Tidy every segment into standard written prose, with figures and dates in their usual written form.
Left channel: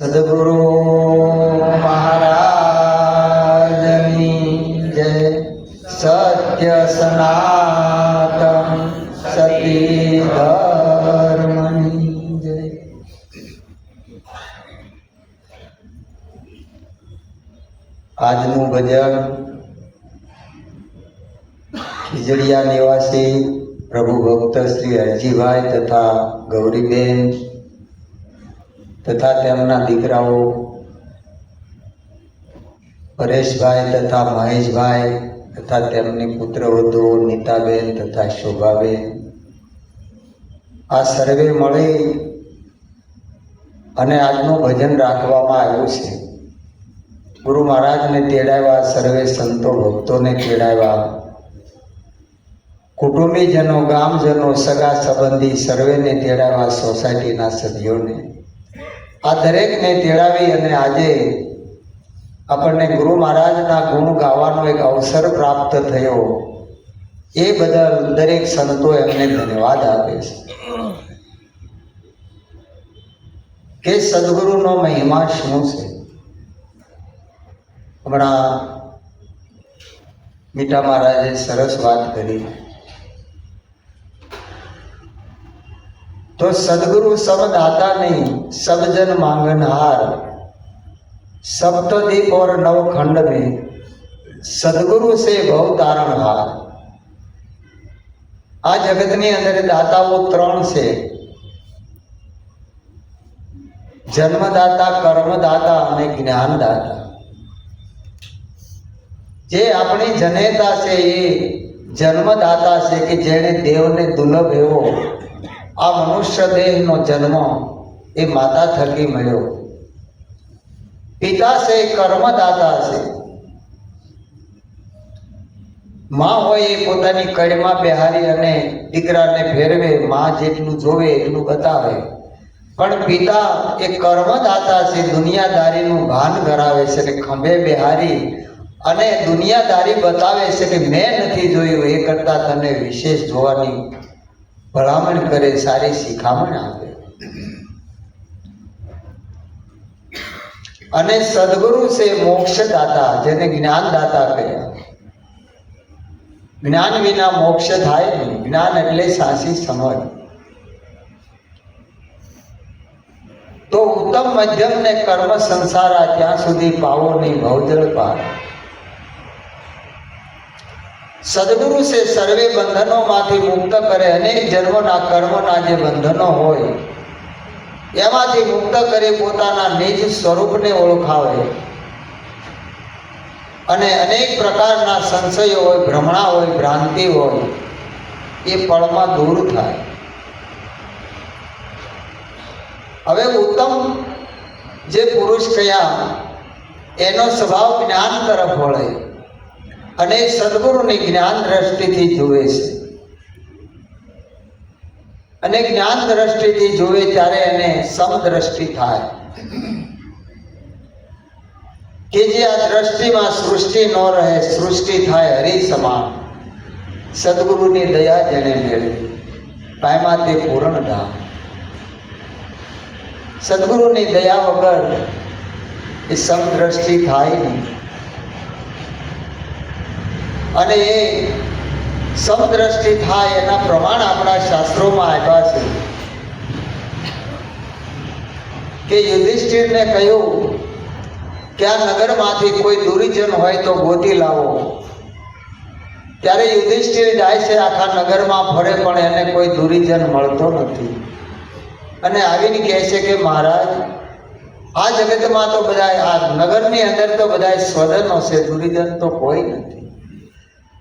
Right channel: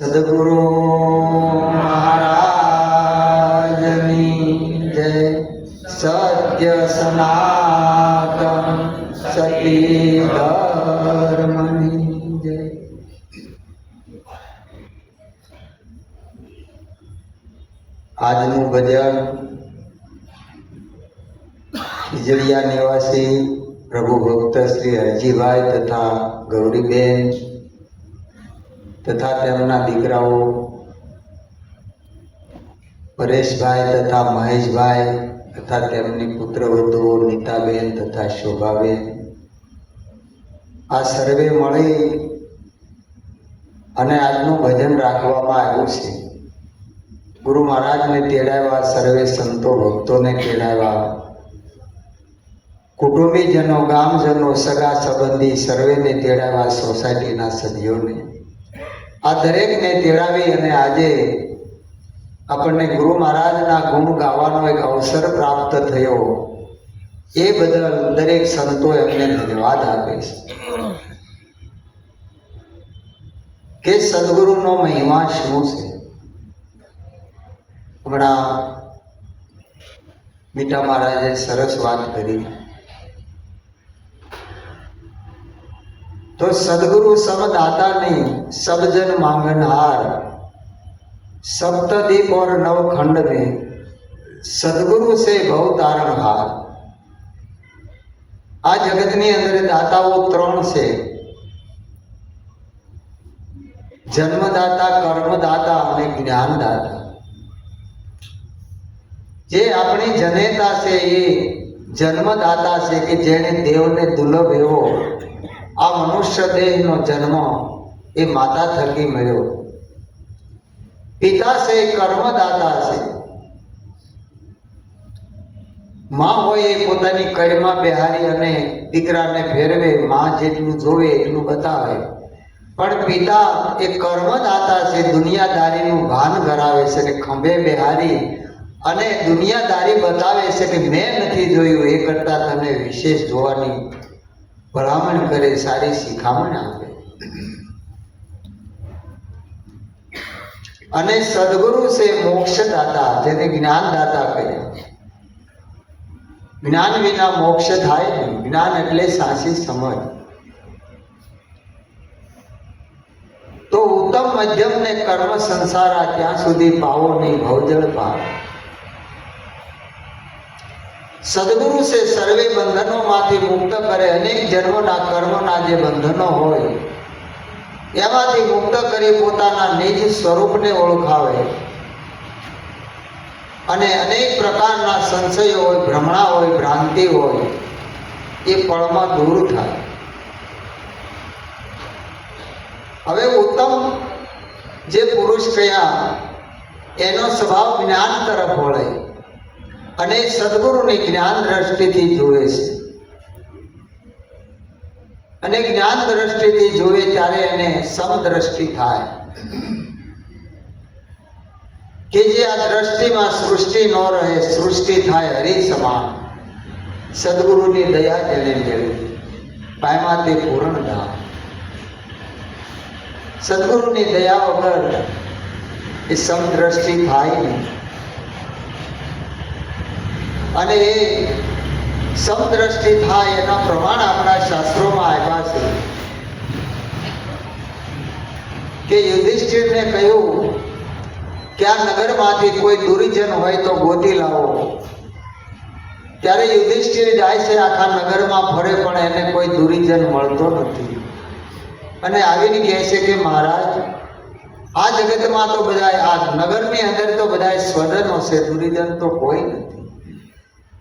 સદગુરુ મહારાજની જય. સત્ય સનાતન સતી ધર્મની જય. આજનું ભજન ખીજડીયા નિવાસી પ્રભુ ભક્ત શ્રી હરજીભાઈ તથા ગૌરીબેન તથા તેમના દીકરાઓ પરેશભાઈ તથા મહેશભાઈ તથા તેમની પુત્રવધુઓ નીતાબેન તથા શોભાબેન, આ સર્વે મળી અને આજનું ભજન રાખવામાં આવ્યું છે. ગુરુ મહારાજને તેડાવ્યા, સર્વે સંતો ભક્તોને તેડાવ્યા, કુટુંબીજનો, ગામજનો, સગા સંબંધી સર્વેને તેડાવ્યા, સોસાયટીના સભ્યોને, આ દરેકને તેડાવી અને આજે આપણને ગુરુ મહારાજના ગુણ ગાવાનો એક અવસર પ્રાપ્ત થયો. એ બદલ દરેક સંતો એમને ધન્યવાદ આપે છે કે સદગુરુનો મહિમા શું છે. હમણાં મીઠા મહારાજે સરસ વાત કરી. तो सदगुरु सब दाता नहीं, सब जन मांगनहार, सप्तदीप और नवखंड में सदगुरु से बहु तारणहार. आ जगतनी अंदर दाताओ त्रण से, जन्मदाता, कर्मदाता और ज्ञानदाता. जे अपनी जनेता से ये जन्मदाता से कि जेने देव ने दुर्लभ एवो आ मनुष्य देह नो जन्म ए माता थकी मळ्यो. पिता से कर्मदाता से, मां होय ए पोतानी कड़मा बेहारी अने दीकराने फेरवे, मां जेटलुं जोवे એટલું बतावे, पण पिता ए कर्मदाता से दुनियादारीनुं भान करावे छे કે ખંભે બેહારી અને દુનિયાદારી બતાવે છે કે મેં નથી જોયું એ કરતા તને વિશેષ જોવાની ભલામણ કરે, સારી શિખામણ આપે. અને સદગુરુ છે મોક્ષદાતા, જેને જ્ઞાનદાતા કહ્યા. જ્ઞાન વિના મોક્ષ થાય નહીં. જ્ઞાન એટલે સાચી સમજ. તો ઉત્તમ મધ્યમ ને કર્મ સંસારા ત્યાં સુધી પાવો નહીં ભવજળ પાર. સદગુરુ से सर्वे बंधनों माथी मुक्त करे. अनेक जन्मना कर्मना जे बंधनो होय एमांथी मुक्त करे पोताना निज स्वरूपने ओळखावे अने अनेक प्रकारना संशयो होय, भ्रमणा होय, भ्रांति होय ए पळमां दूर थाय. हवे उत्तम जे पुरुष कया एनो स्वभाव ज्ञान तरफ वळे અને સદગુરુની જ્ઞાન દ્રષ્ટિથી જોવે છે. અને જ્ઞાન દ્રષ્ટિથી જોવે ત્યારે એને સમદ્રષ્ટિ થાય કે જે આ દ્રષ્ટિમાં સૃષ્ટિ ન રહે, સૃષ્ટિ થાય હરિ સમાન. સદગુરુની દયા જેને મેળવી પામ્યા તે પૂર્ણ ધામ. સદગુરુની દયા વગર એ સમદ્રષ્ટિ થાય નહીં. અને એ સમદ્રષ્ટિ થાય એના પ્રમાણ આપણા શાસ્ત્રોમાં આવ્યા છે કે યુધિષ્ઠિરને કહ્યું કે આ નગરમાંથી કોઈ દુરીજન હોય તો ગોતી લાવો. ત્યારે યુધિષ્ઠિર જાય છે, આખા નગરમાં ફરે પણ એને કોઈ દુરીજન મળતો નથી. અને આવીને કહે છે કે મહારાજ, આ જગતમાં તો બધા, આ નગરની અંદર તો બધા સ્વજનો છે, દુરીજન તો કોઈ નથી.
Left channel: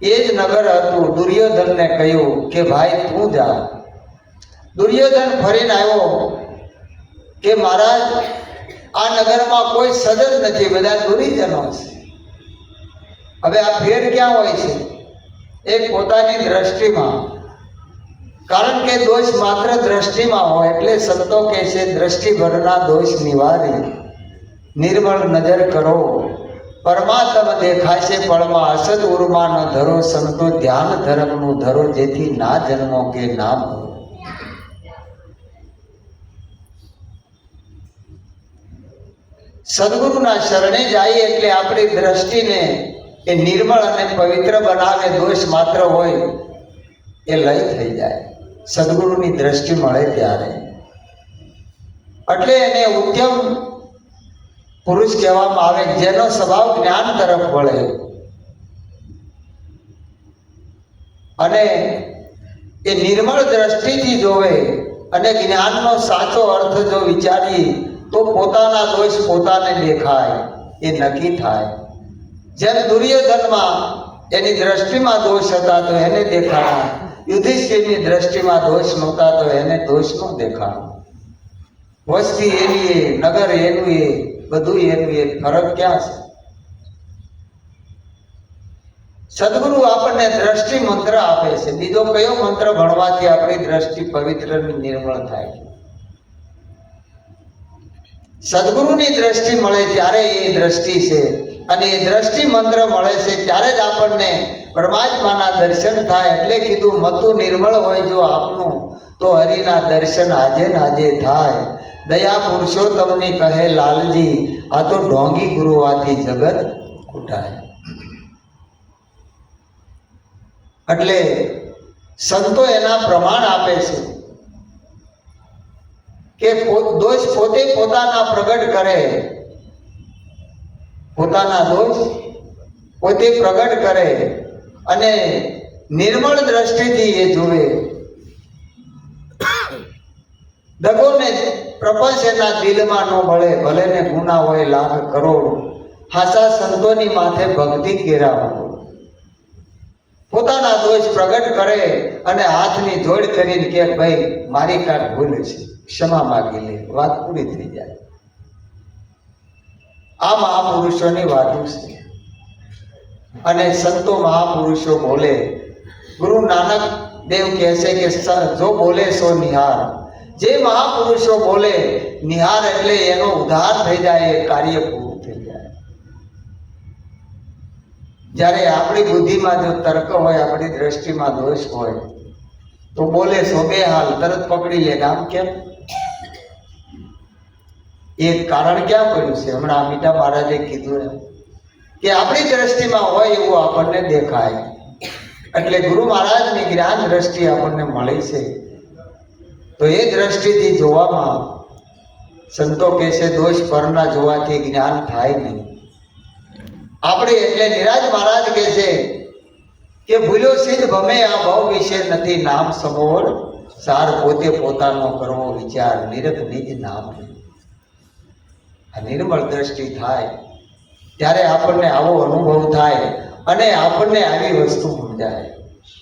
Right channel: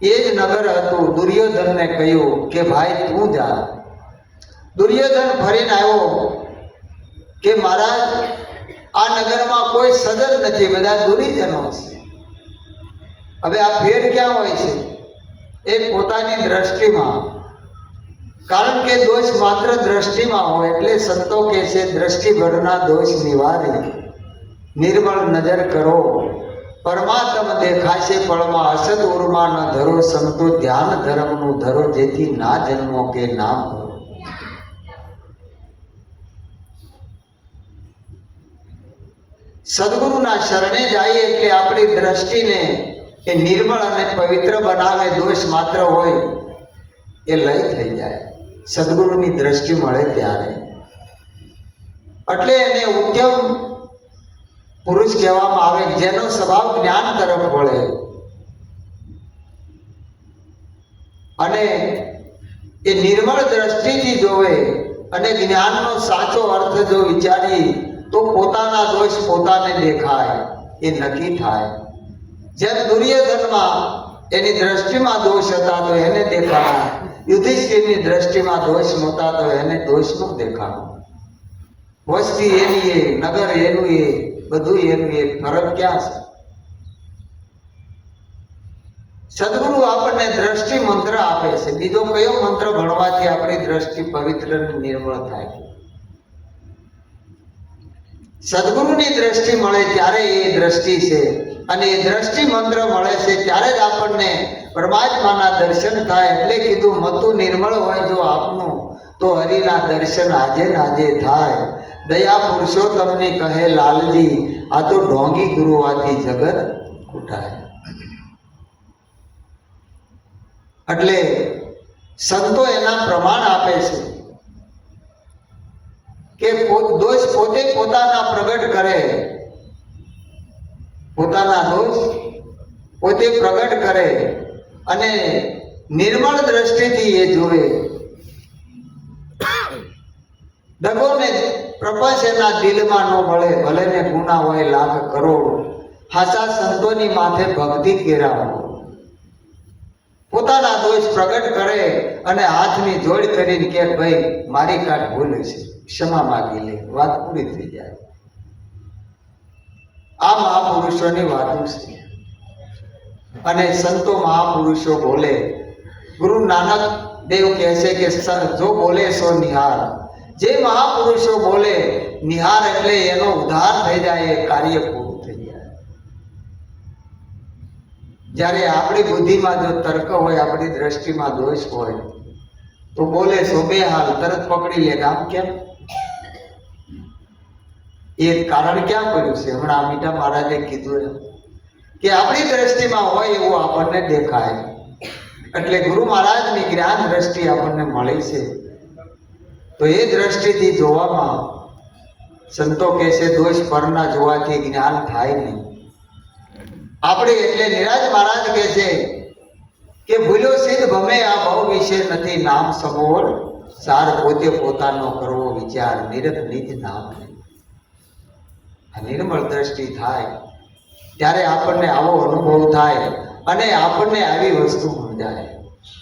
એ જ નગર હતું. દુર્યોધનને કહ્યું કે ભાઈ તું જા. દુર્યોધન ફરીને આવ્યો કે મહારાજ, આ નગરમાં કોઈ સદન નથી, બધા દુરીજનો છે. હવે આ ફેર ક્યાં હોય છે? એ પોતાની દ્રષ્ટિમાં. કારણ કે દોષ માત્ર દ્રષ્ટિમાં હોય એટલે સંતો કહે છે દ્રષ્ટિભરના દોષ નિવારી, નિર્મળ નજર કરો, પરમાત્મા દેખાશે પળમાં. અસત ઉર્મા ન ધરો, સંતો ધ્યાન ધર્મનું ધરો, જેથી ના જન્મો કે ના ભરો. સદગુરુના શરણે જઈએ એટલે આપણી દ્રષ્ટિને એ નિર્મળ અને પવિત્ર બનાવે. દોષ માત્ર હોય એ લય થઈ જાય સદગુરુની દ્રષ્ટિ મળે ત્યારે. એટલે એને ઉત્તમ પુરુષ કહેવામાં આવે, જેનો સ્વભાવ જ્ઞાન તરફ વળે અને એ નિર્મળ દ્રષ્ટિથી જોવે અને જ્ઞાનનો સાચો અર્થ જો વિચારીએ તો પોતાના દોષ પોતાને દેખાય, એ નક્કી થાય. જેમ દુર્યોધનમાં એની દ્રષ્ટિમાં દોષ હતા તો એને દેખાણા, યુધિષ્ઠિરની દ્રષ્ટિમાં દોષ નહોતા તો એને દોષ નો દેખાણો. વસ્તી એની એ, નગર એનું એ, બધું એનું એ, ફરક ક્યાં છે? સદગુરુ આપણને દ્રષ્ટિ મંત્ર આપે છે. બીજો કયો મંત્ર ભણવાથી આપણી દ્રષ્ટિ પવિત્ર અને નિર્મળ થાય? સદગુરુની દ્રષ્ટિ મળે ત્યારે એ દ્રષ્ટિ છે, અને એ દ્રષ્ટિ મંત્ર મળે છે ત્યારે જ આપણને પરમાત્માના દર્શન થાય. એટલે કીધું, મતું નિર્મળ હોય જો આપનું તો હરિના દર્શન આજે ને આજે થાય. દયા પુરુષોત્તમની કહે લાલજી, આ તો ઢોંગી ગુરુવાથી જગત કૂટાય. એટલે સંતો એના પ્રમાણ આપે છે કે દોષ પોતે પોતાના પ્રગટ કરે, પોતાના દોષ પોતે પ્રગટ કરે અને નિર્મળ દ્રષ્ટિથી એ જોવે. દગોને પ્રપંચ એના દિલમાં ન મળે, ભલે ને ગુના હોય લાખ કરોડ, હાસા સંતોની માથે ભક્તિ કેરાવો. પોતાના દોષ પ્રગટ કરે અને હાથની જોડ કરીને કે ભાઈ મારી કાંઈક ભૂલ છે, ક્ષમા માગી લે, વાત પૂરી થઈ જાય. આ મહાપુરુષોની વાતો છે. અને સંતો મહાપુરુષો બોલે. ગુરુ નાનક દેવ કહે છે કે જો બોલે સો નિહાર. જે મહાપુરુષો બોલે નિહાર એટલે એનો ઉદ્ધાર થઈ જાય, એ કાર્ય પૂરું થઈ જાય. જ્યારે આપણી બુદ્ધિમાં જો તર્ક હોય, આપણી દ્રષ્ટિમાં દોષ હોય તો બોલે સો બે હાલ તરત પકડી લે. આમ કેમ? એ કારણ ક્યાં પડ્યું છે? હમણાં મીઠા મહારાજે કીધું એમ કે આપણી દ્રષ્ટિમાં હોય એવું આપણને દેખાય. એટલે ગુરુ મહારાજની જ્ઞાન દ્રષ્ટિ આપણને મળી છે, તો એ દ્રષ્ટિથી જોવામાં સંતો કહે છે દોષ પરના જોવાથી જ્ઞાન થાય નહીં. આપણે એટલે નિરાજ મહારાજ કહે છે કે ભૂલ્યો સિદ્ધ ભમે આ ભવ વિશે નથી, નામ સમોર સાર પોતે પોતાનો કરવો વિચાર, નિરખ નિજ નામ. આ નિર્મળ દ્રષ્ટિ થાય ત્યારે આપણને આવો અનુભવ થાય અને આપણને આવી વસ્તુ સમજાય.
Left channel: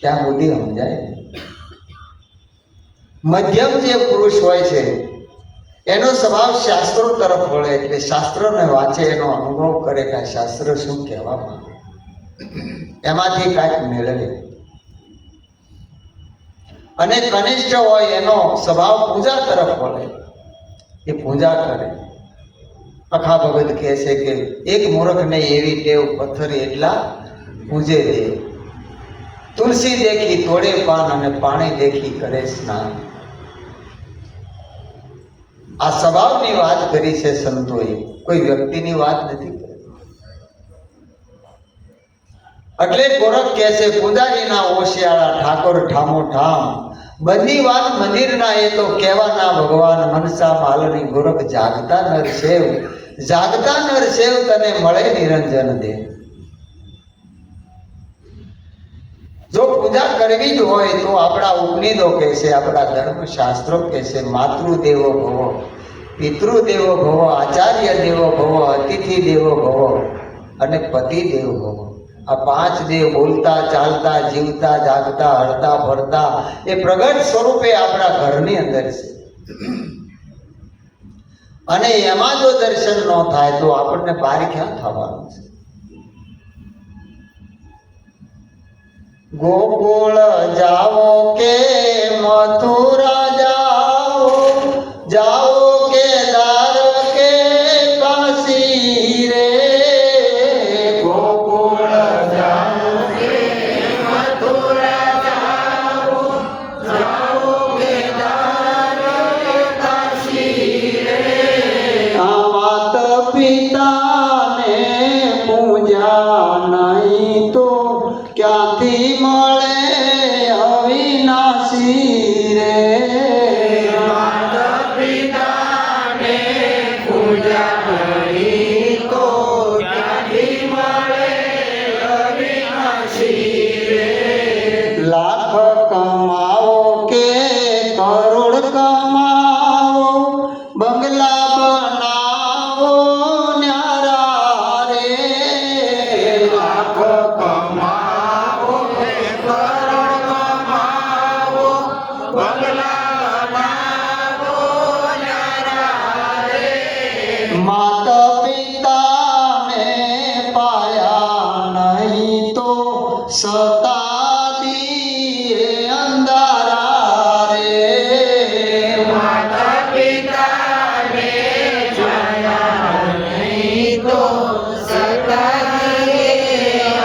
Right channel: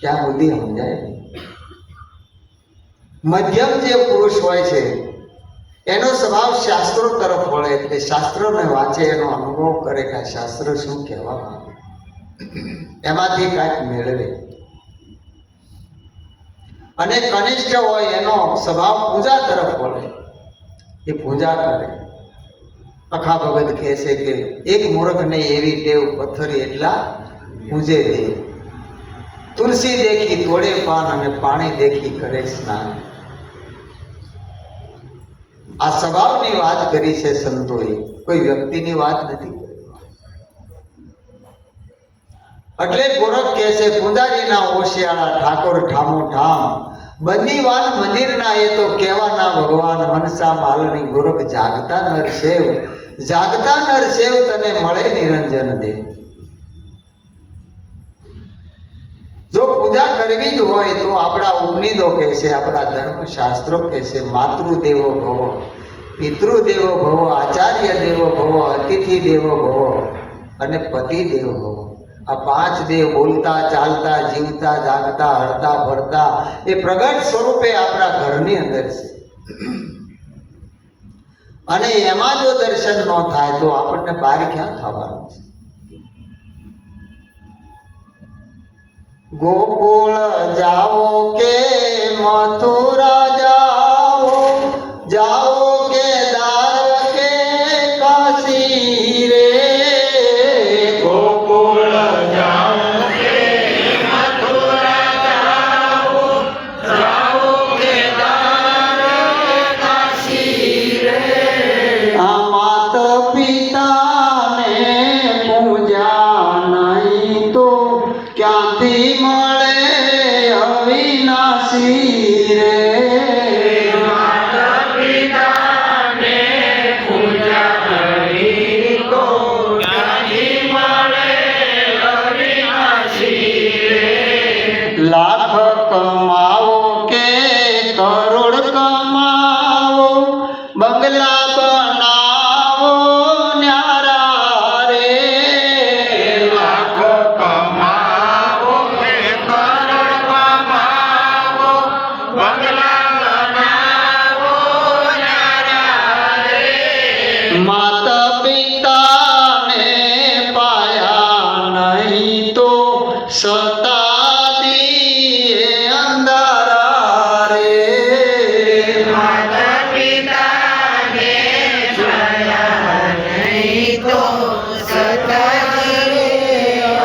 ત્યાં બુદ્ધિ સમજાય. મધ્યમ જે પુરુષ હોય છે એનો સ્વભાવ શાસ્ત્રો તરફ વળે, એટલે શાસ્ત્રને વાંચે, એનો અનુભવ કરે કે શાસ્ત્ર શું કહેવા માંગે, એમાંથી કાંઈક મેળવે. અને કનિષ્ઠ હોય એનો સ્વભાવ પૂજા તરફ વળે, એ પૂજા કરે. અખા ભગત કહે છે કે એક મૂર્ખને એવી ટેવ, પથ્થર એટલા પૂજે દે. તુલસી દેખી તોડે પાન અને પાણી દેખી કરે સ્નાન. આ સ્વભાવની વાત કરી છે સંતોએ, કોઈ વ્યક્તિની વાત નથી કરી. એટલે ગોરખ કહે છે પૂજારીના ઓશિયાળા ઠાકોર ઠામો ઠામ, બંદીવાન મંદિરના એ તો કહેવાના ભગવાન, મનસા માલની ગોરખ જાગતા નર સેવ, જાગતા નર સેવ તને મળે નિરંજન દે. જો પૂજા કરવી જ હોય તો આપણા ઉપનિષદો કહે છે, આપણા ધર્મશાસ્ત્રો કહે છે, માતૃદેવો ભવ, પિતૃદેવો ભવ, આચાર્ય દેવો ભવ, અતિથિ દેવો ભવ અને પતિ દેવ ભવ. આ પાંચ દેવ બોલતા, ચાલતા, જીવતા, જાગતા, હરતા, ફરતા એ પ્રગટ સ્વરૂપે આપણા ઘરની અંદર છે. અને એમાં જો દર્શન ન થાય તો આપણને બહાર ક્યાં થવાનું છે? ગોકુળ જાઓ કે મથુરા જાઓ, જાઓ કે દ્વાર કે કાશી રે. ગોકુળ જાઓ કે મથુરા જાઓ, જાઓ કે દ્વાર કે કાશી રે. માત પિતા પિતાને પાયા નહીં તો સતા દીએ અંધારા રે. માતા પિતાને જોયા નહીં તો સતાજીએ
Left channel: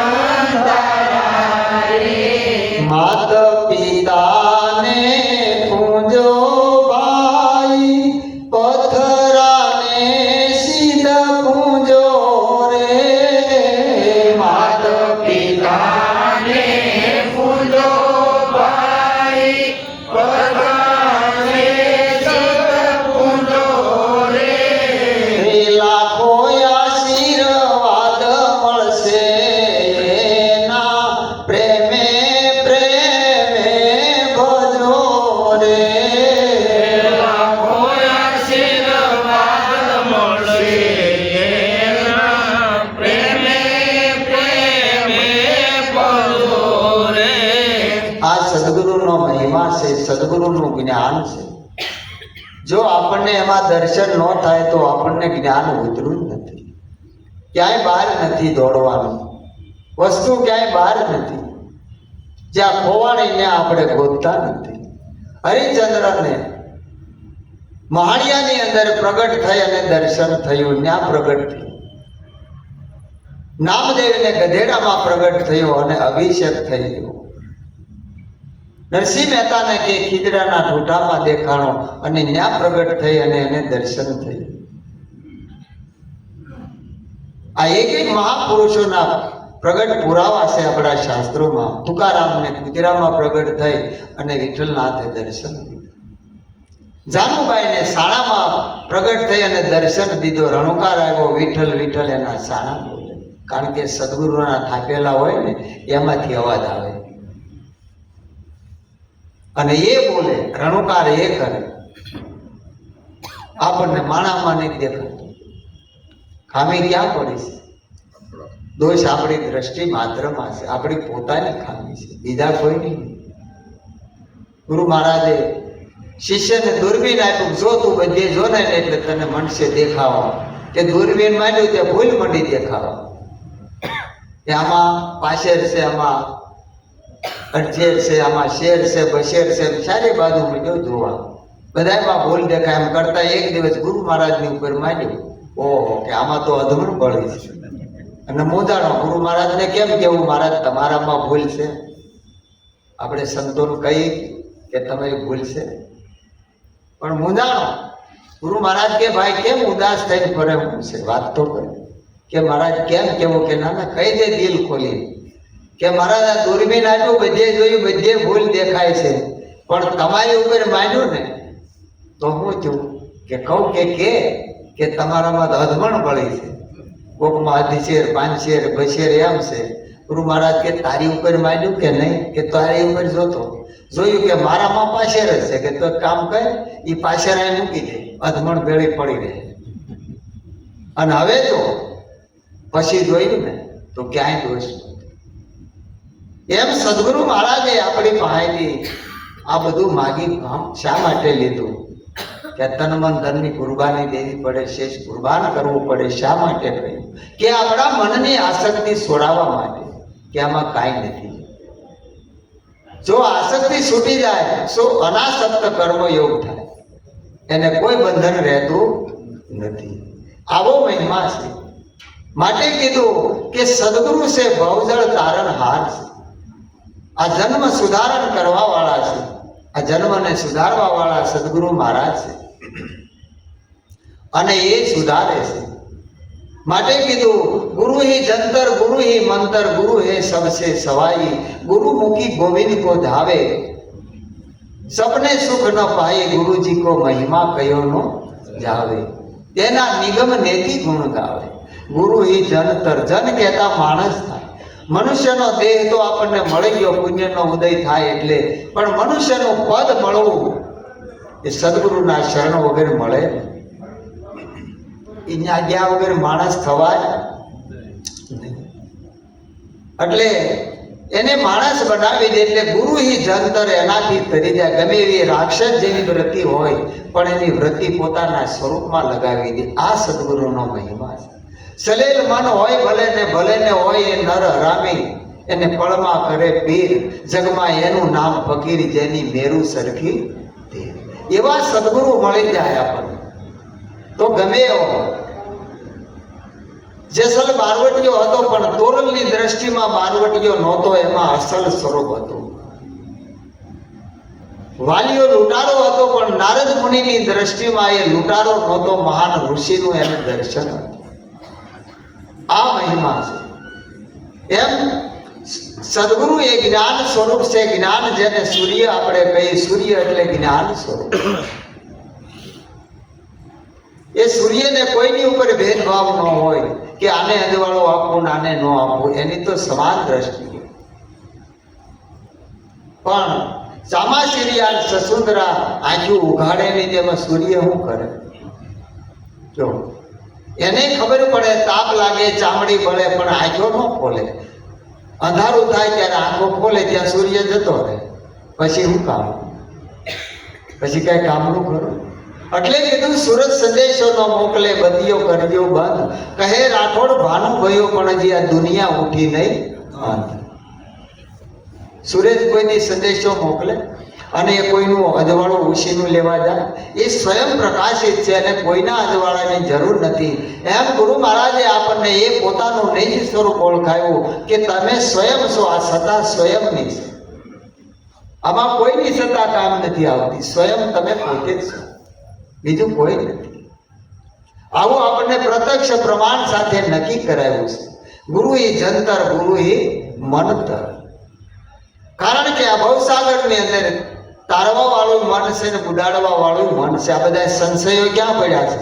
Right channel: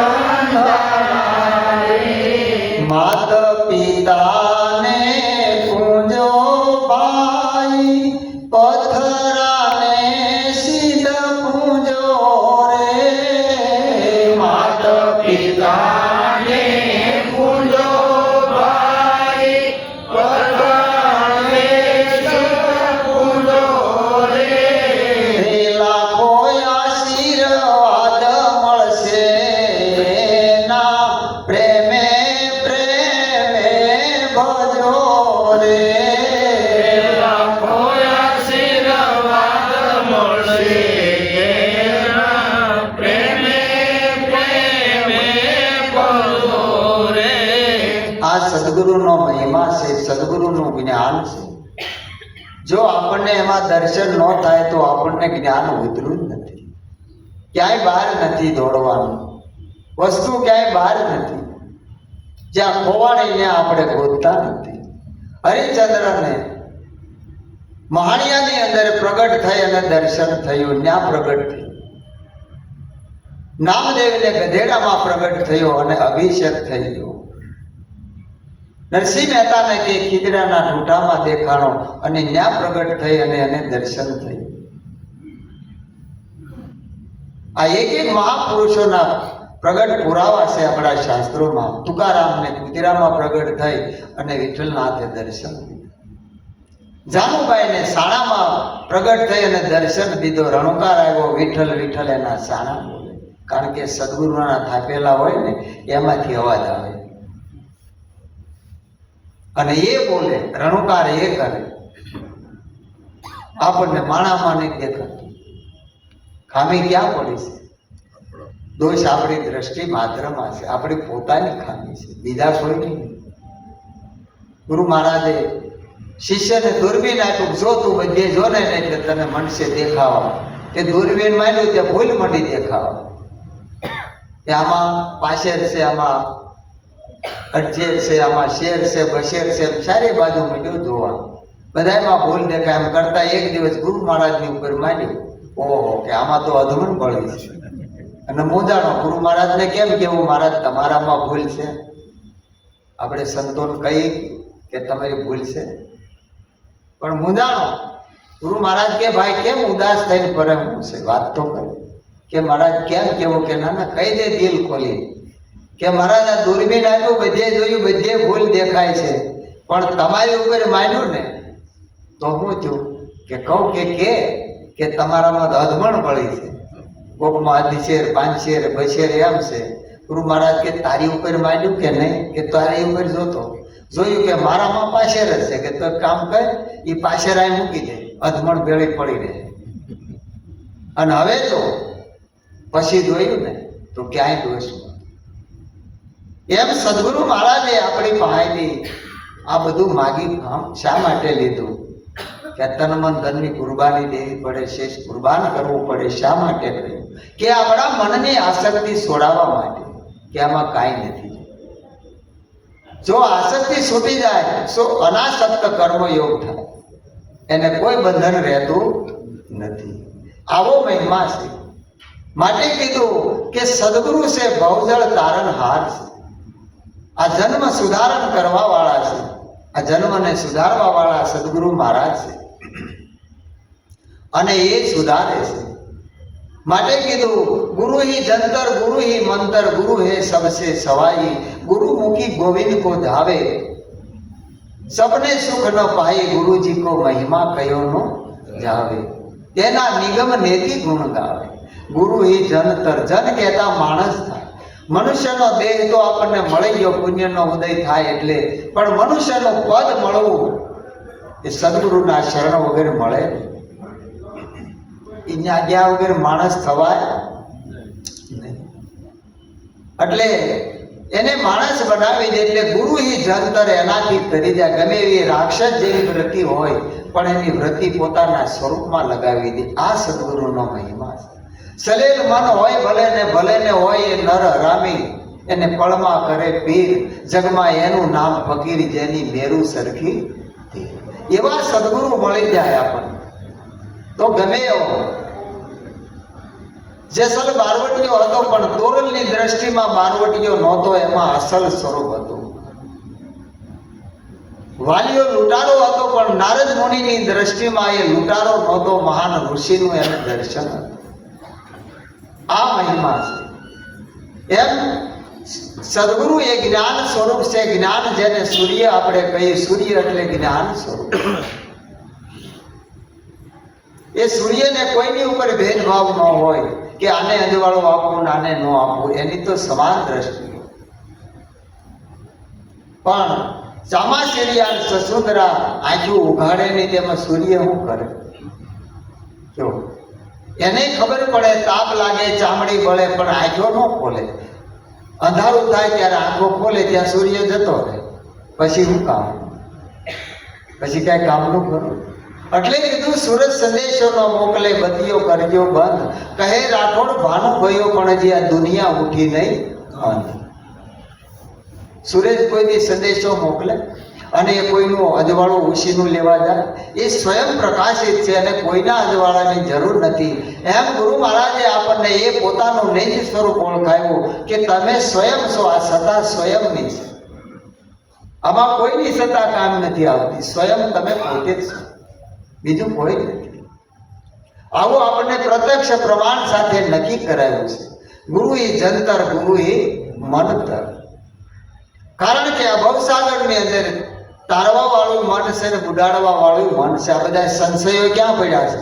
અંધારા રે. માત પિતાને પૂજો ભાઈ પથરાને સીધા પૂજો રે. માત પિતાને પૂજો ભાઈ પથરાને સીધા પૂજો રે. લાખો આશીર્વાદ મળશે એના પ્રેમે પ્રેમે ભજો રે. લાખો આશીર્વાદ મળશે એના પ્રેમે પ્રેમે ભજો રે. આ સદગુરુનો મહિમા છે, સદગુરુનું જ્ઞાન છે. જો આપણને એમાં દર્શન ન થાય તો આપણને જ્ઞાન ઉતરું જ નથી. ક્યાંય બહાર નથી દોડવાનું, વસ્તુ ક્યાંય બહાર નથી. જ્યાં ખોવાણી ને આપણે ગોતતા નથી. હરિચંદ્રને મહાણિયાની અંદર પ્રગટ થઈ અને દર્શન થયું, ત્યાં પ્રગટ થયું. નામદેવને ગધેડામાં પ્રગટ થયો અને અભિષેક થઈ ગયો. નરસિંહ મહેતાને કે ખીજડાના ઠૂઠામાં દેખાણો અને ત્યાં પ્રગટ થઈ અને એને દર્શન થયું. આ એક એક મહાપુરુષોના પ્રગટ પુરાવા છે આપણા શાસ્ત્રોમાં. તુકારામને ખીજડામાં પ્રગટ થઈ અને વિઠ્ઠલનાથે દર્શન દીધું. જાનુબાઈને સાણામાં પ્રગટ થઈ અને દર્શન દીધો. રણુકાર આવ્યો, વિઠ્ઠલ વિઠ્ઠલ એના સાણા બોલે. કારણ કે સદગુરુના થાપેલા હોય ને એમાંથી અવાજ આવે અને એ બોલે, રણુકાર એ કરે. આપણને માણામાં નહીં દેખાતું. ખામી ક્યાં પડી છે? દોષ આપણી દ્રષ્ટિ માત્રમાં છે, આપણી પોતાની ખામી છે, બીજા કોઈની નહીં. ગુરુ મહારાજે શિષ્યને દૂરબીન આપ્યું, જો તું બધે જો ને એટલે તને મળશે દેખાવા. કે દૂરબીન માંડ્યું તે ભૂલ મંડી દેખાવા. કે આમાં પાછેર છે, આમાં અડચેર છે, આમાં શેર છે, બશેર છે, સારી બાજુ માંડ્યું જોવા. બધામાં ભૂલ દેખાય એમ કરતા એક દિવસ ગુરુ મહારાજની ઉપર માંડ્યું. ઓહો, કે આમાં તો અધૂરું બળી છે. અને મૂંઝાણો. ગુરુ મહારાજને કેમ કેવું, મહારાજ તમારામાં ભૂલ છે? આપણે સંતોને કહીએ કે તમારી ભૂલ છે, પણ મૂંઝાણો. ગુરુ મહારાજ કે ભાઈ કેમ ઉદાસ થઈને ફરે છે? વાત તો કરે કે મહારાજ કેમ કેવું? કે ના ના કહી દે દિલ ખોલી. કે મહારાજ આ દૂરબીન આપ્યું, બધે જોયું, બધે ભૂલ દેખાય છે, પણ તમારી ઉપર માંડ્યું ને તો હું થયું? કે કહું કે તમારામાં અધમણ પડી છે. કોકમાં અધિશેર, પાંચશેર, બશેર એમ છે. ગુરુ મહારાજ કે તારી ઉપર માંડ્યું કે નહીં? કે તારી ઉપર જોતો જોયું કે મારામાં પાછેર જ છે. કે તો એક કામ કર, એ પાછેરાય મૂકી દે, અધમણ ભેળી પડી રહે. અને હવે તો પછી જોયું ને તો ક્યાંય દોષ નથી. એમ સદગુરુ મહારાજે આપણી પાસેથી આ બધું માગી શા માટે લીધું? કે તન મન ધનની કુરબાની દેવી પડે, શેષ કુરબાન કરવું પડે. શા માટે કહ્યું? કે આપણા મનની આસક્તિ છોડાવવા માટે. કે આમાં કાંઈ નથી. જો આસક્તિ છૂટી જાય તો અનાસક્ત કર્મ યોગ થાય, એને કોઈ બંધન રહેતું નથી. આવો મહિમા છે. માટે કીધું કે સદગુરુ છે ભવજળ તારણહાર છે. આ જન્મ સુધારણ કરવા વાળા છે. આ જન્મને સુધારવા વાળા સદગુરુ મહારાજ છે અને એ સુધારે છે. માટે કીધું ગુરુ ही जंतर, गुरु ही मंत्र, गुरु है सबसे सवाई, गुरु मुखी गोविंद को धावे, सबने सुख न पाए, गुरु जी को महिमा कयो नो जावे, तेना निगम नेति गुण गावे. गुरु ही जंतर, जन कहता माणस था. મનુષ્યનો દેહ તો આપણને મળી ગયો, પુણ્યનો ઉદય થાય એટલે, પણ મનુષ્યનું પદ મળવું એ સદગુરુના શરણ વગર મળે. એની આજ્ઞા વગર માણસ થવાય નહીં. એટલે એને માણસ બનાવી દે એટલે ગુરુ હિ જંતર એનાથી તરી જાય. ગમે એવી રાક્ષસ જેવી વૃત્તિ હોય પણ એની વૃત્તિ પોતાના સ્વરૂપમાં લગાવી દે. આ સદગુરુનો મહિમા છે. સલેલ મન હોય ભલે ને હોય એ નર હરામી, એને પળમાં કરે પીર, જગમાં એનું નામ ફકીર, જેની મેરુ સરખી તીર. એવા સદગુરુ મળી જાય આપણને તો ગમે એવો. જેસલ બારવટીયો હતો પણ તોરલની દ્રષ્ટિમાં બારવટીયો નહોતો, એમાં અસલ સ્વરૂપ હતું. વાલીઓ લૂંટારો હતો પણ નારદ મુનિની દ્રષ્ટિમાં એ લૂંટારો નહોતો, મહાન ઋષિનું એને દર્શન હતું. આ મહિમા છે. એમ સદગુરુ એ જ્ઞાન સ્વરૂપ છે. જ્ઞાન જેને સૂર્ય આપણે કહીએ, સૂર્ય એટલે જ્ઞાન સ્વરૂપ. એ સૂર્યને કોઈની ઉપર ભેદભાવ ન હોય કે આને અજવાળો આપવું ને આને ન આપવું, એની તો સમાન દ્રષ્ટિ. પણ ચામાચીડિયા સસુંદરા આંખું ઉઘાડે નહીં, તેમાં સૂર્ય શું કરે? જો એને ખબર પડે, તાપ લાગે, ચામડી બળે, પણ આંખો ન ખોલે. અંધારું થાય ત્યારે આંખો ખોલે, ત્યાં સૂર્ય જતો રહે. પછી શું કામ? પછી કઈ કામનું ખરું? એટલે કીધું સુરત સંદેશો નો મોકલે, બદીઓ કરજો બંધ. કહે રાઠોડ ભાનુ ભયો, પણ હજી આ દુનિયા ઉઠી નહીં. સુરેશ કોઈની સંદેશો મોકલે અને એ કોઈનું અજવાળું ઉશીનું લેવા જાય, એ સ્વયં પ્રકાશિત છે અને કોઈના અજવાળાની જરૂર નથી. એમ ગુરુ મહારાજે આપણને એ પોતાનું નિજ સ્વરૂપ ઓળખાયું કે તમે સ્વયં છો. આ સત્તા સ્વયંની છે. આમાં કોઈની સત્તા કામ નથી આવતી. સ્વયં તમે પોતે જ છો, બીજું કોઈ નથી. આવું આપણને પ્રત્યક્ષ પ્રમાણ સાથે નક્કી કરાયું છે. ગુરુ એ જંતર, ગુરુ એ મનતર. કારણ કે આ ભવસાગરની અંદર તારવા વાળું મન છે ને બુડાડવા વાળું મન છે. આ બધા સંશયો ક્યાં પડ્યા છે?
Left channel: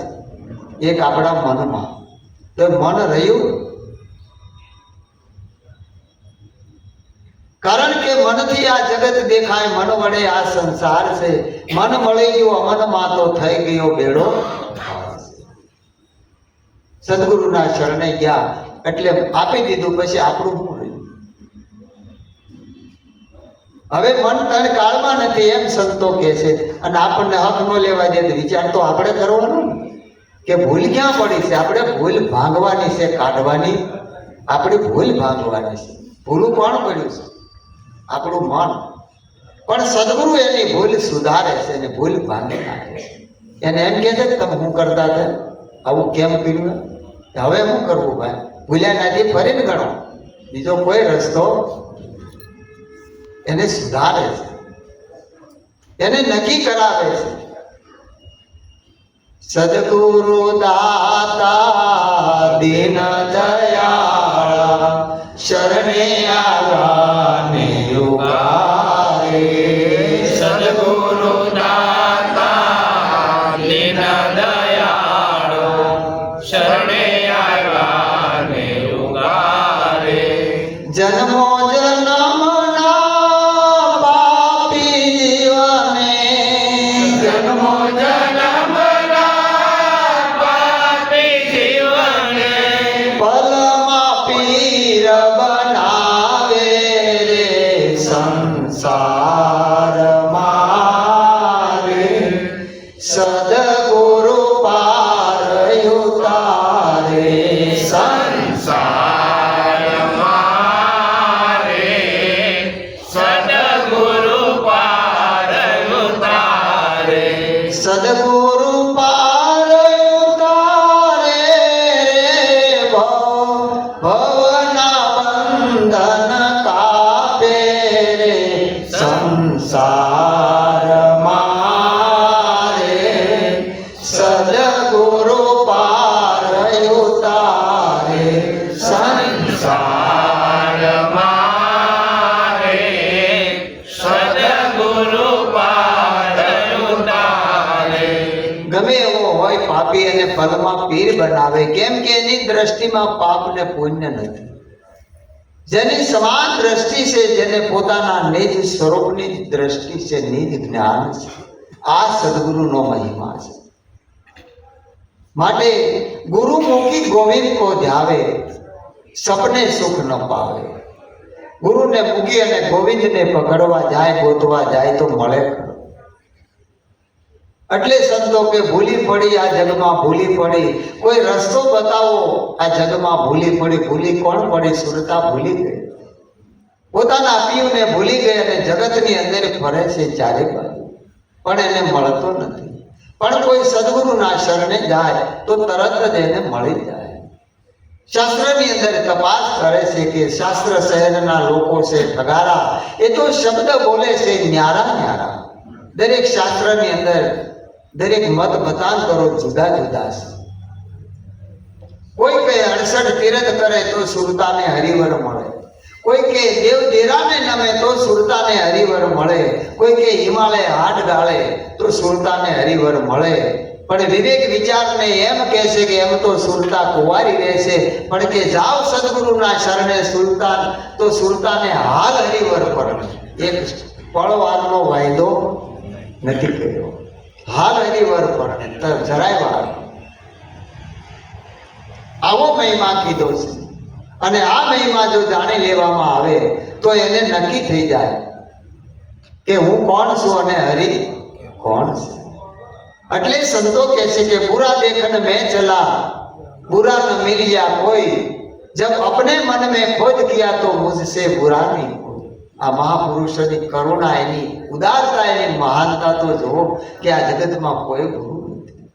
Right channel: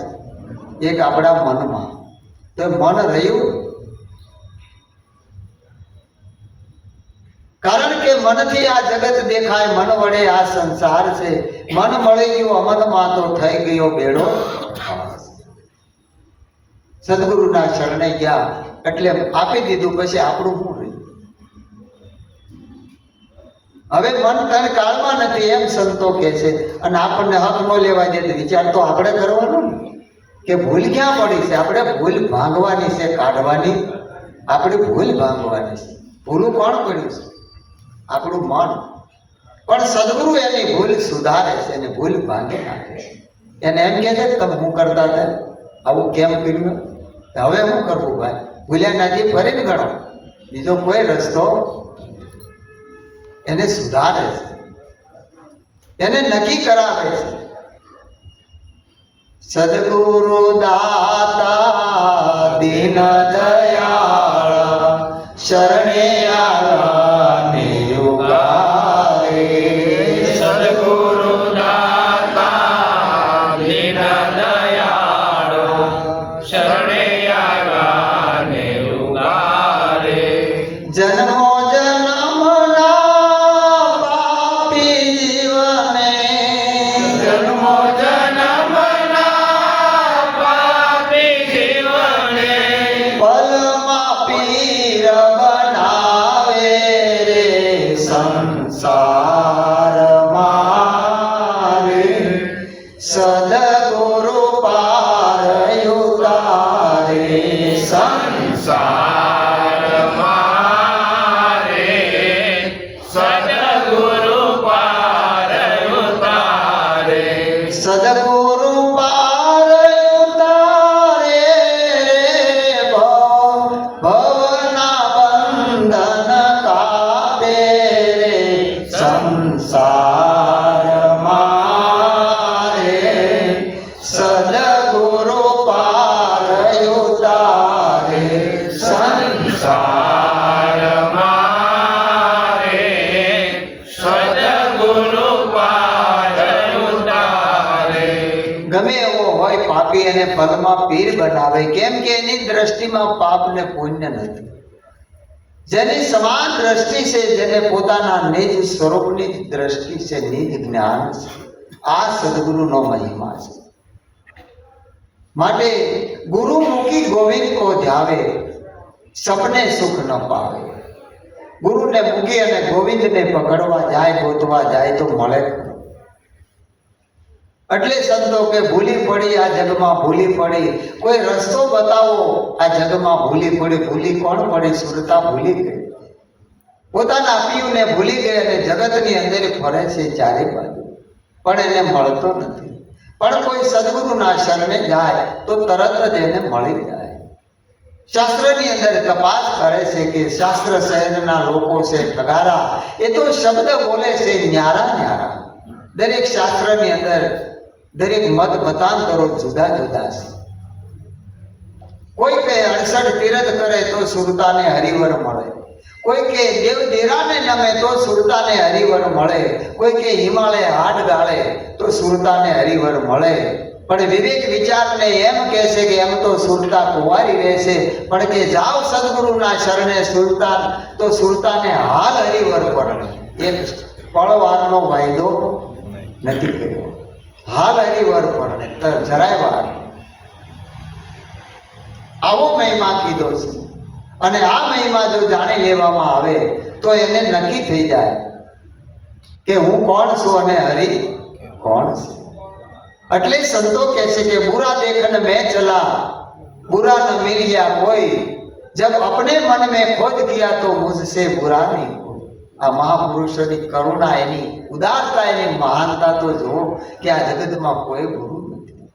એક આપણા મનમાં. તો મન રહ્યું. કારણ કે મનથી આ જગત દેખાય, મન વડે આ સંસાર છે. મન મળી ગયું અમનમાં તો થઈ ગયો બેડો. સદગુરુના શરણે ગયા એટલે આપી દીધું. પછી આપણું શું રહ્યું? હવે મન તને કાળમાં નથી એમ સંતો કહે છે. અને આપણને હક ન લેવા દે વિચાર તો આપણે કરવાનો ને કે ભૂલ ક્યાં પડી છે. આપણે ભૂલ ભાંગવાની છે, કાઢવાની. આપણી ભૂલ ભાંગવાની છે. ભૂલું કોણ પડ્યું છે? આપણું મન. પણ સદગુરુ એની ભૂલ સુધારે છે, એની ભૂલ ભાંગી નાખે છે. એને એમ કહે છે કે તમે શું કરતા હતા, આવું કેમ કર્યું? હવે શું કરવું ભાઈ? ભૂલ્યા નાથી ફરીને ગણો, બીજો કોઈ રસ્તો. એને સુધારે છે, એને નક્કી કરાવે છે. સદગુરુ દાતા દીન દયાળા, શરણે આને યુગારે. સદગુરુ દાતા દીન દયાળો, શરણે આને યુગારે. જન્મો જન્મના પાપી જીવને, જન્મો જન્મના પાપી જીવને, પલમાં પીર બનાવે રે સંસારમાં રે. સદગુરુ પાર ઉતારે સંસારમાં રે. સદગુરુ પાર ઉતારે. સદગુરુ પાર ઉતારે ભવના બંધન કાપે રે સંસારમાં રે. સદગુરુ પાર ઉતારે સંસારમાં રે. સદગુરુ પાર ઉતારે. ગમે એવો હોય પાપી એને પદમાં પીર બનાવે. કેમ કે એની દ્રષ્ટિમાં પાપ ને પુણ્ય નથી. જેની સમાન દ્રષ્ટિ છે, જેને પોતાના નિજ સ્વરૂપની દ્રષ્ટિ છે, નિજ જ્ઞાન છે. આ સદગુરુનો મહિમા છે. માટે ગુરુ મુખી ગોવિંદ કો જાવે, સપને સુખ ન પાવે. ગુરુને મૂકી અને ગોવિંદને પકડવા જાય, ગોતવા જાય તો મળે. એટલે સંતો કે ભૂલી પડી આ જગમાં, ભૂલી પડી. કોઈ રસ્તો બતાવો આ જગમાં, ભૂલી પડી. ભૂલી કોણ પડી? સુરતા ભૂલી ગઈ. પોતાના પિયુને ભૂલી ગઈ અને જગતની અંદર ફરે છે ચારે બાજુ, પણ એને મળતો નથી. પણ કોઈ સદગુરુના શરણે જાય તો તરત જ એને મળી જાય. શાસ્ત્રની અંદર તપાસ કરે છે કે શાસ્ત્ર શહેરના લોકો છે ઠગારા, એ તો શબ્દ બોલે છે ન્યારા ન્યારા. દરેક શાસ્ત્રની અંદર દરેક મત મતાંતરો જુદા જુદા છે. કોઈ કહે 68 તીરથ કરે તો સુરતાને હરિવર મળે, કોઈ કે દેવ દેરાને નમે તો સુરતાને હરિવર મળે, કોઈ કે હિમાલય હાડ ગાળે તો સુરતાને હરિવર મળે. પણ વિવેક વિચારને એમ કહે છે કે એમ તો સુરતા કુંવારી રહેશે, પણ કે જાવ સદગુરુના શરણે સુરતા તો સુરતાને હાલ હરિવર પડે. એક પળવારનો વાયદો નથી કર્યો, હાલ હરિવર પડે જરાય વાર. આવો મહિમા કીધો છે. અને આ મહિમા જો જાણી લેવામાં આવે તો એને નક્કી થઈ જાય કે હું કોણ છું અને હરિ કોણ છે. એટલે સંતો કહે છે કે બુરા દેખન મેં ચલા, बुरा न मिल गया कोई, जब अपने मन में खोज किया तो मुझसे बुरा नहीं कोई. આ મહાપુરુષોની કરુણા, એની ઉદારતા, એની મહાનતા તો જુઓ કે આ જગતમાં કોઈ ગુરુ નથી.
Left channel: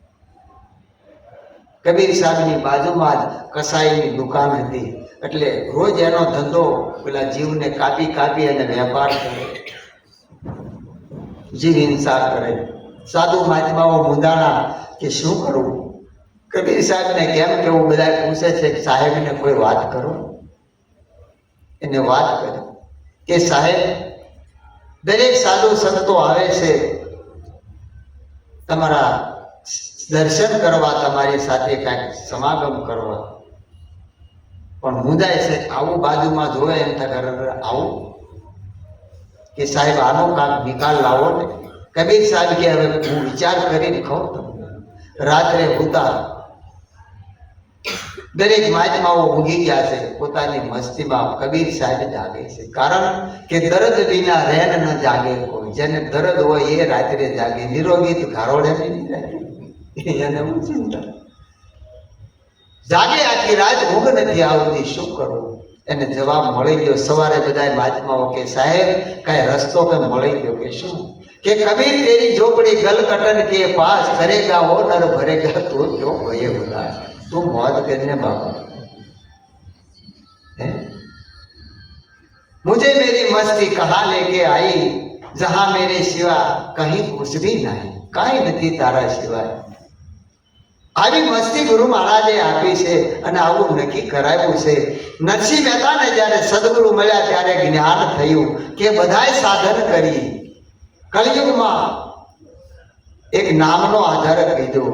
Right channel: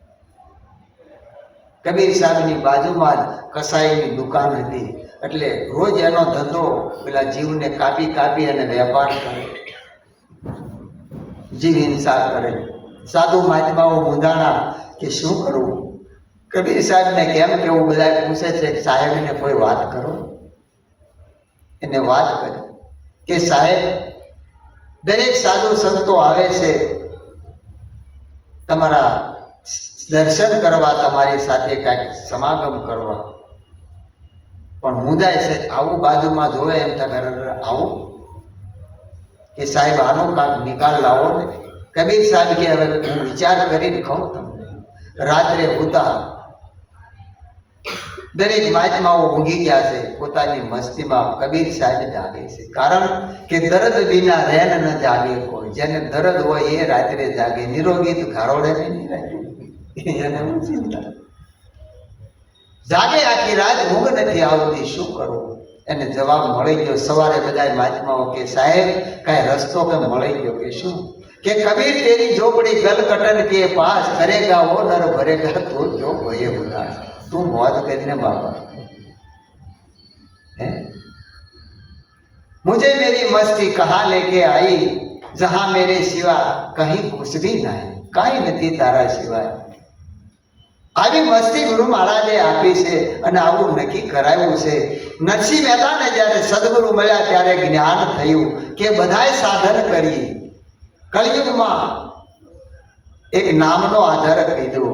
કબીર સાહેબની બાજુમાં જ કસાઈની દુકાન હતી. એટલે રોજ એનો ધંધો પેલા જીવને કાપી કાપી અને વેપાર કરે, જીવ હિંસા કરે. સાધુ મહાત્માઓ મુંદાણા કે શું કરવું? કબીર સાહેબને કેમ કેવું બધા પૂછે છે, સાહેબને કોઈ વાત કરો. એને વાત કરી કે સાહેબ, દરેક સાધુ સંતો આવે છે તમારા દર્શન કરવા, તમારી સાથે કાંઈક સમાગમ કરવા, પણ મુંદાય છે. આવું બાજુમાં જોવે એમ ઘર આવું કે સાહેબ આનો કાંક નિકાલ લાવો ને. કબીર સાહેબ કે હવે હું વિચાર કરીને કહું તમને. રાત્રે હોતા દરેક મહાત્માઓ ઊંઘી ગયા છે પોતાની મસ્તીમાં. કબીર સાહેબ જાગે છે, કારણ કે દર્દ વિના રેન ન જાગે કોઈ. જેને દર્દ હોય એ રાત્રે જાગે. નિરોગી તો ઘારોડે નહીં રાત્રે, એને હું ચિંતા. જાગે આખી રાત, ઊંઘ નથી આવતી, શું કરવું? એને જવાબ મળી ગયો. સવારે બધા મહાત્માઓ કે સાહેબ કાંઈ રસ્તો કે મળી ગયો? કે શું? કે કબીર તેરી ઝોપડી ગલ કટન કે પાસ, કરેગા વો નર ભરેગા તો જો ભયે ઉદાસ. તું મોજ કરીને બાબા, मुझे मेरी मस्ती कहाँ लेके आई, जहां मेरे सिवा कहीं कुछ भी नहीं. કાંઈ નથી તારા સિવાય. આવી મસ્તી ગુરુ મહારાજે આપી છે અને આવું નક્કી કરાવ્યું છે. નરસિંહ મહેતાને જ્યારે સદગુરુ મળ્યા ત્યારે જ્ઞાન થયું કે બધાય સાધન કરી. કલયુગમાં એક નામનો આધાર કીધો.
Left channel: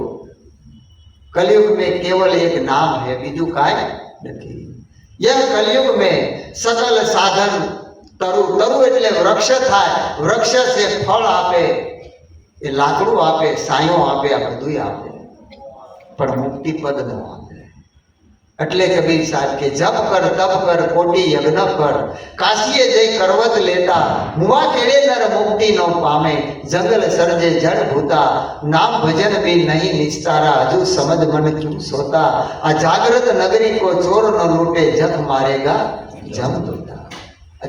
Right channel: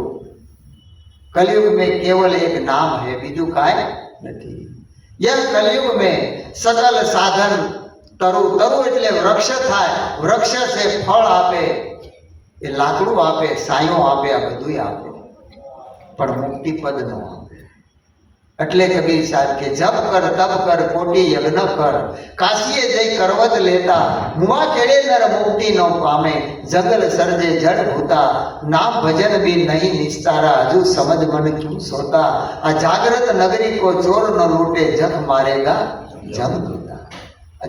कलयुग में केवल एक नाम है, बीजू काई नहीं. यह कलयुग में सकल साधन तरु, तरु એટલે વૃક્ષ થાય. વૃક્ષ છે ફળ આપે, એ લાકડું આપે, સાયો આપે, આ બધું આપે, પણ મુક્તિ પદ ન આપે. એટલે કબીર સાહેબ કે જપ કર તપ કર કોટી યજ્ઞ કર, કાશીએ જઈ કરવત લેતા, મુવા કેડે નર મુક્તિ નો પામે, જંગલ સર્જે જળ ભૂતા, નામ ભજન भी नहीं निस्तारा, हजू समझ मन क्यों सोता, आ जागृत नगरी को चोर न लूटे, जग मारेगा जम दूता.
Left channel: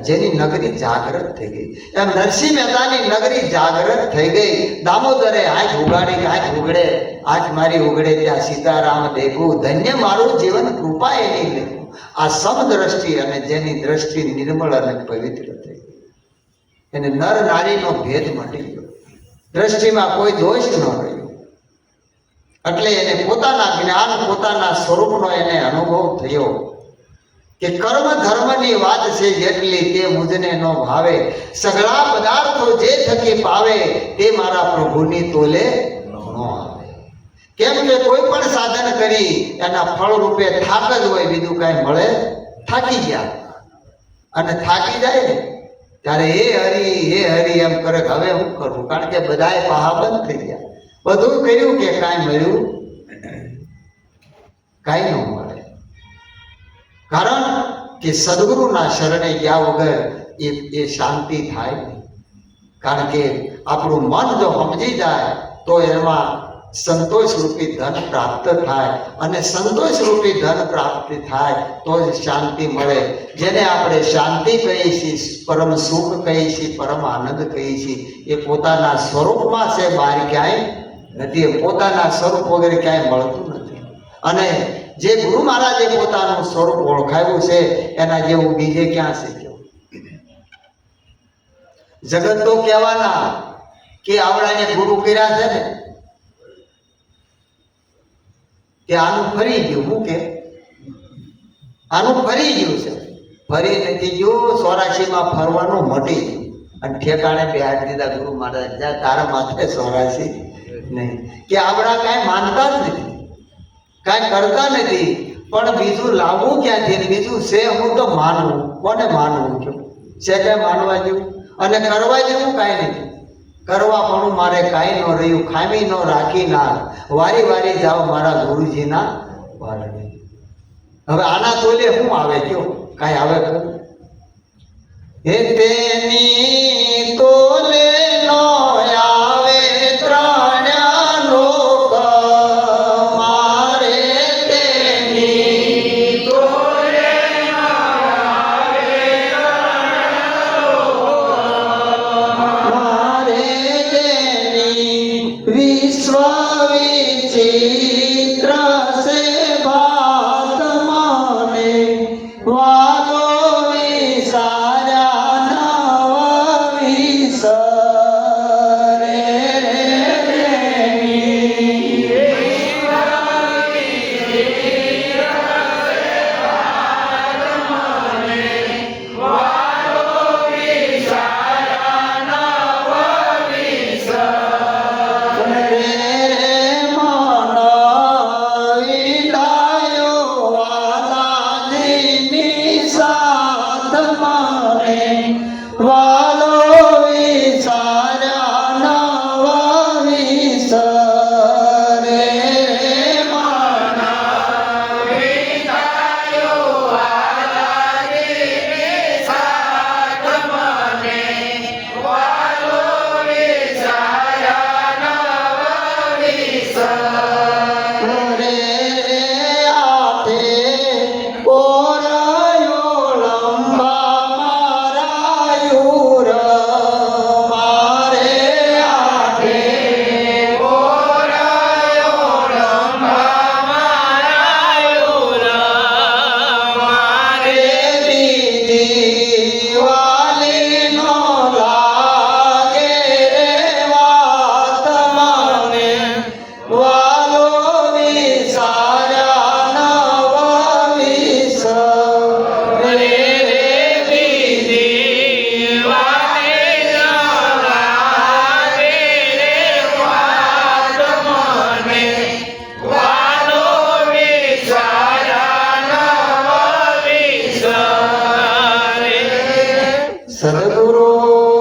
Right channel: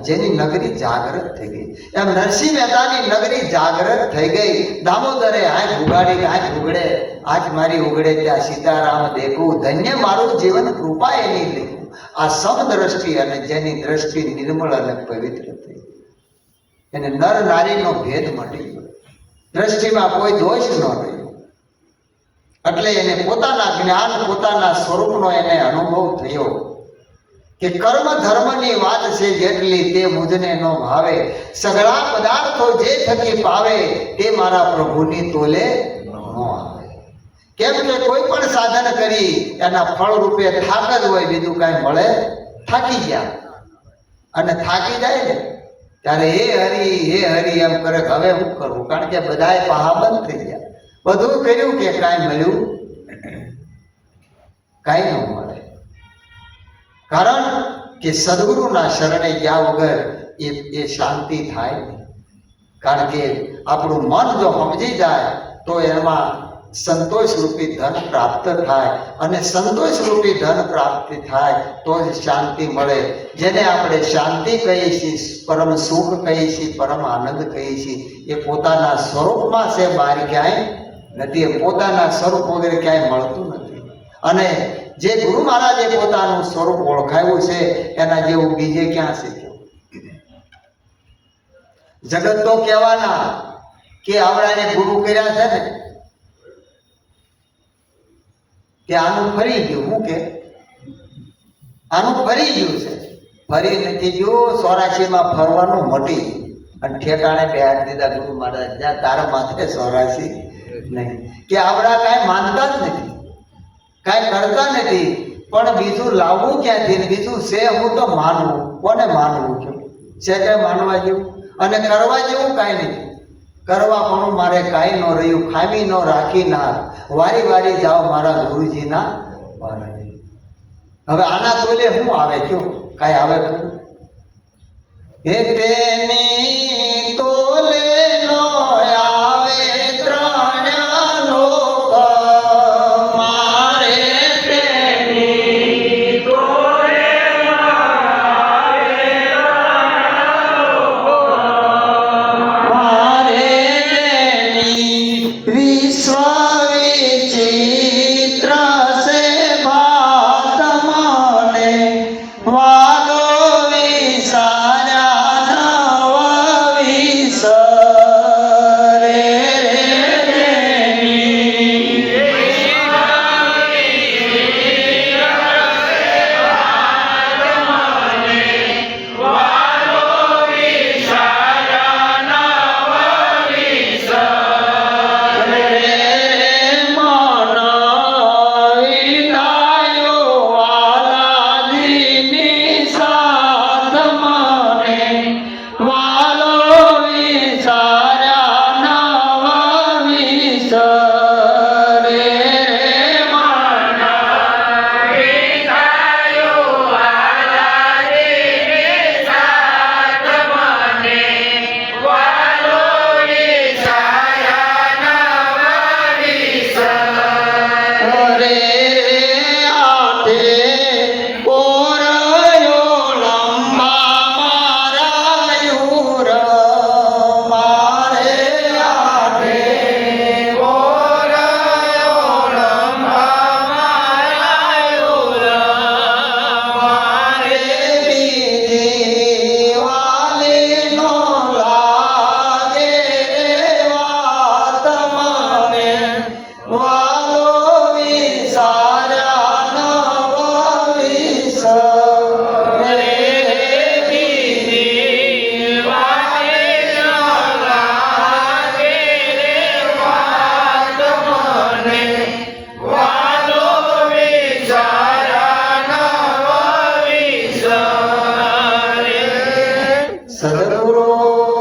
જેની નગરી જાગૃત થઈ ગઈ. એમ નરસિંહ મહેતાની નગરી જાગૃત થઈ ગઈ. દામોદરે આંખ ઉગાડી, આંખ ઉગડે, આંખ મારી ઉગડે ત્યાં સીતારામ દેખું, ધન્ય મારું જીવન કૃપા એની લેખું. આ સમદ્રષ્ટિ અને જેની દ્રષ્ટિ નિર્મળ અને પવિત્ર થઈ ગઈ, એને નર નારીનો ભેદ મટી ગયો. દ્રષ્ટિમાં કોઈ દોષ ન રહ્યો. એટલે એને પોતાના જ્ઞાન, પોતાના સ્વરૂપનો એને અનુભવ થયો કે કર્મ ધર્મની વાત છે જેટલી તે મુજને નો ભાવે, સગળા પદાર્થો જે થકી પાવે તે મારા પ્રભુની તોલે નો આવે. કેમ કે કોઈ પણ સાધન કરી એના ફળ રૂપે થાક જ હોય, બીજું કાંઈ મળે. થાકી ગયા અને થાકી જાય ને ત્યારે હે હરી એમ કરે કે હવે શું કરવું? કારણ કે બધાએ પહા બંધ થઈ ગયા. બધું કર્યું કે કાંઈ મળ્યું? કાંઈ ન મળે. કારણ કે સદગુરુના શરણે ગયા વગર એ શાંતિ થાય નહીં. કારણ કે આપણું મન જો સમજી જાય તો એમાં સંતોષ રૂપી ધન પ્રાપ્ત થાય, અને સંતોષ રૂપી ધન પ્રાપ્ત થાય તો જ શાંતિ મળે. જેને આપણે શાંતિ કહીએ છીએ, પરમ સુખ કહીએ છીએ, પરમ આનંદ કહીએ છીએ, એ પોતાના સ્વરૂપમાં છે, બહાર ક્યાંય નથી. એ પોતાના સ્વરૂપ વગેરે ક્યાંય મળતું નથી. અને જે ગુરુ મહારાજે પોતાનું સ્વરૂપ ઓળખાયું છે એના જેવું બીજે ક્યાં શીખ્યું? જગત તો કહેવાના કે આવડાને ગુરુ કર્યા છે ને કે આનું ફરી ગયું. હું કે આનું ફરી ગયું છે. ફરી નથી ગયું. 84 ફરવાનું મટી અને ઠેકાણે બેહાડી દીધા ગુરુ મહારાજ. જ્યાં તારા માથે 84 નહીં. કે આવડા કાંઈ માનતા જ નથી, કાંઈ કરતા નથી, પણ બીજું લાવવું ક્યાંથી? બીજું છે હું તો માનવું. કોને માનવું? છું છે કે માનવા જેવું? અને કરવા જેવું કાંઈ નથી. કરવા પણ મારે કાંઈ ન રહ્યું. ખામી ન રાખી ના વારી વારી જાઓ મારા ગુરુજીના પારણે. હવે આના તોલે શું આવે? કયો કાંઈ આવે? હે તેની તોલે નો આવે ત્રણ લોક મારે, તેની તોલે નો આવે મારે, તેની વિશ્વ વિચિત્ર સે ભાત માને, વાલો વિસાર્યા નવ વિસરે સદગુરુ